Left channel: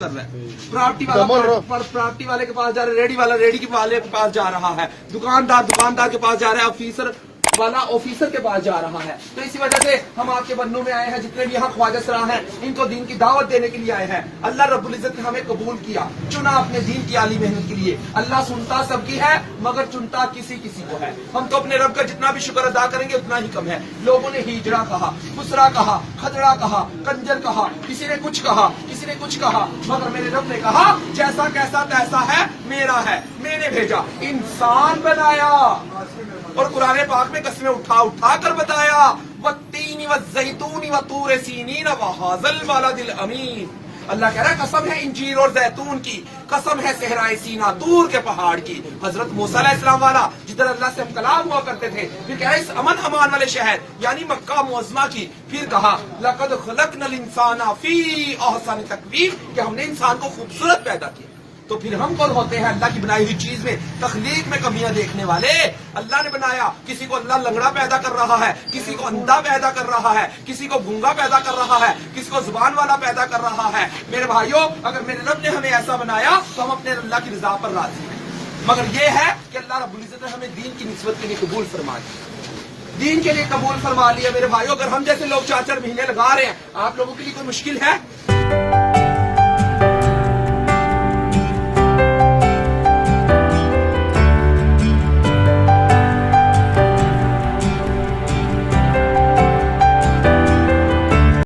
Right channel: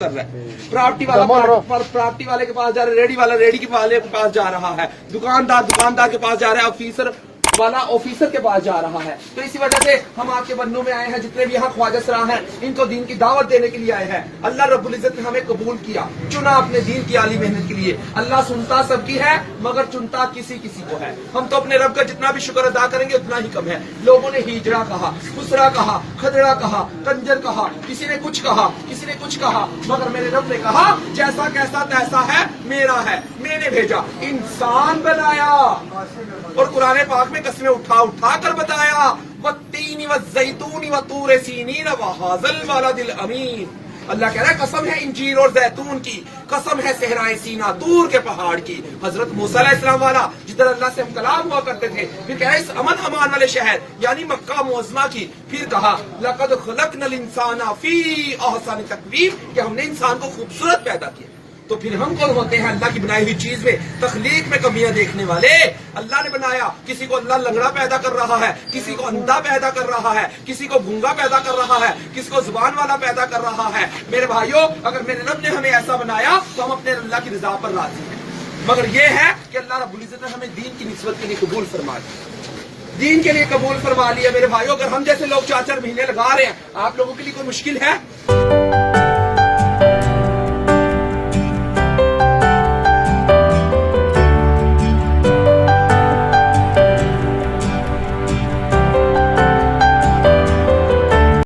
कर रहा है। प्रॉपर्टी वाले के पास जा रहा है, रेडी वाला रेडी के पास जा रहा है, दुकानदार के पास जा रहा है, ऑफिसर वाला ऑफिसर के पास जा रहा है। तो इसी वजह से हम आपके बन्नों में आए हैं, जितने भी यहाँ ख्वाजा सरा हैं, इनको दीन की दावत देने के लिए आए हैं। अल्लाह रब्बुल इज्जत ने हमें कबूल किया, चुना अपने दीन की आली मेहनत के लिए। अल्लाह सुनता सबकी है मगर चुनता किसी किसी को है। हम तो अपने रब का जितना भी शुक्र अदा करेंगे उतना ही कम है। लोगों ने हिजड़ा कहा, खुसरा कहा, खदड़ा कहा, कंजर कहा, किसी ने कुछ कहा, किसी ने कुछ कहा, मगर मेरे रब ने कहा जैसा कैसा तैसा है मेरा है, मैंने भेजा, इंसान बनाया। और कुरान पाक में कसमें उठा कर बताया, वत्तीनी वज़ैतूनी वतूर सीनीन वहाज़ल बलदिल अमीन। अल्लाह कह रहा है कसम है इंजीर और जैतून की, कसम है सहराए सीना दूर के पहाड़ की। हजरत मूसा अलैहिस्सलाम वाला जिधर अल्लाह से हम कलाम हुआ करते थे, फिर कहा इस अमन अमान वाले शहर यानी मक्का मुअज़्ज़मा की, फिर कहा लक़द ख़लक़नल इंसाना फ़ी अहसनि तक़वीम, कि हमने इंसान को खूबसूरत पैदा किया। तो फिर हम कौन होते हैं अल्लाह की बनाई हुई चीज में तख्लीक में कमियां देखने वाले? अल्लाह ने बनाया, किसी को अल्लाह लंगड़ा पैदा कर रहा है, किसी को अंधा पैदा कर रहा है, किसी को गूंगा पैदा कर रहा है, किसी को जुबान वाला पैदा कर रहा है। मेरे भाइयों, अगर मेरे रब ने हमें ऐसा बनाया तो हम अपने अल्लाह की रजा पर राजी हैं। मगर ये है कि अल्लाह रब्बुल इज्जत ने हमें दीन की निस्बत के लिए कबूल फरमा लिया, दीन के लिए कबूल फरमा लिया। मेरे भाइयों, अगर हम जैसे लोग 4-4 महीने लगा रहे हैं, आप लोगों के लिए कोई मुश्किल है?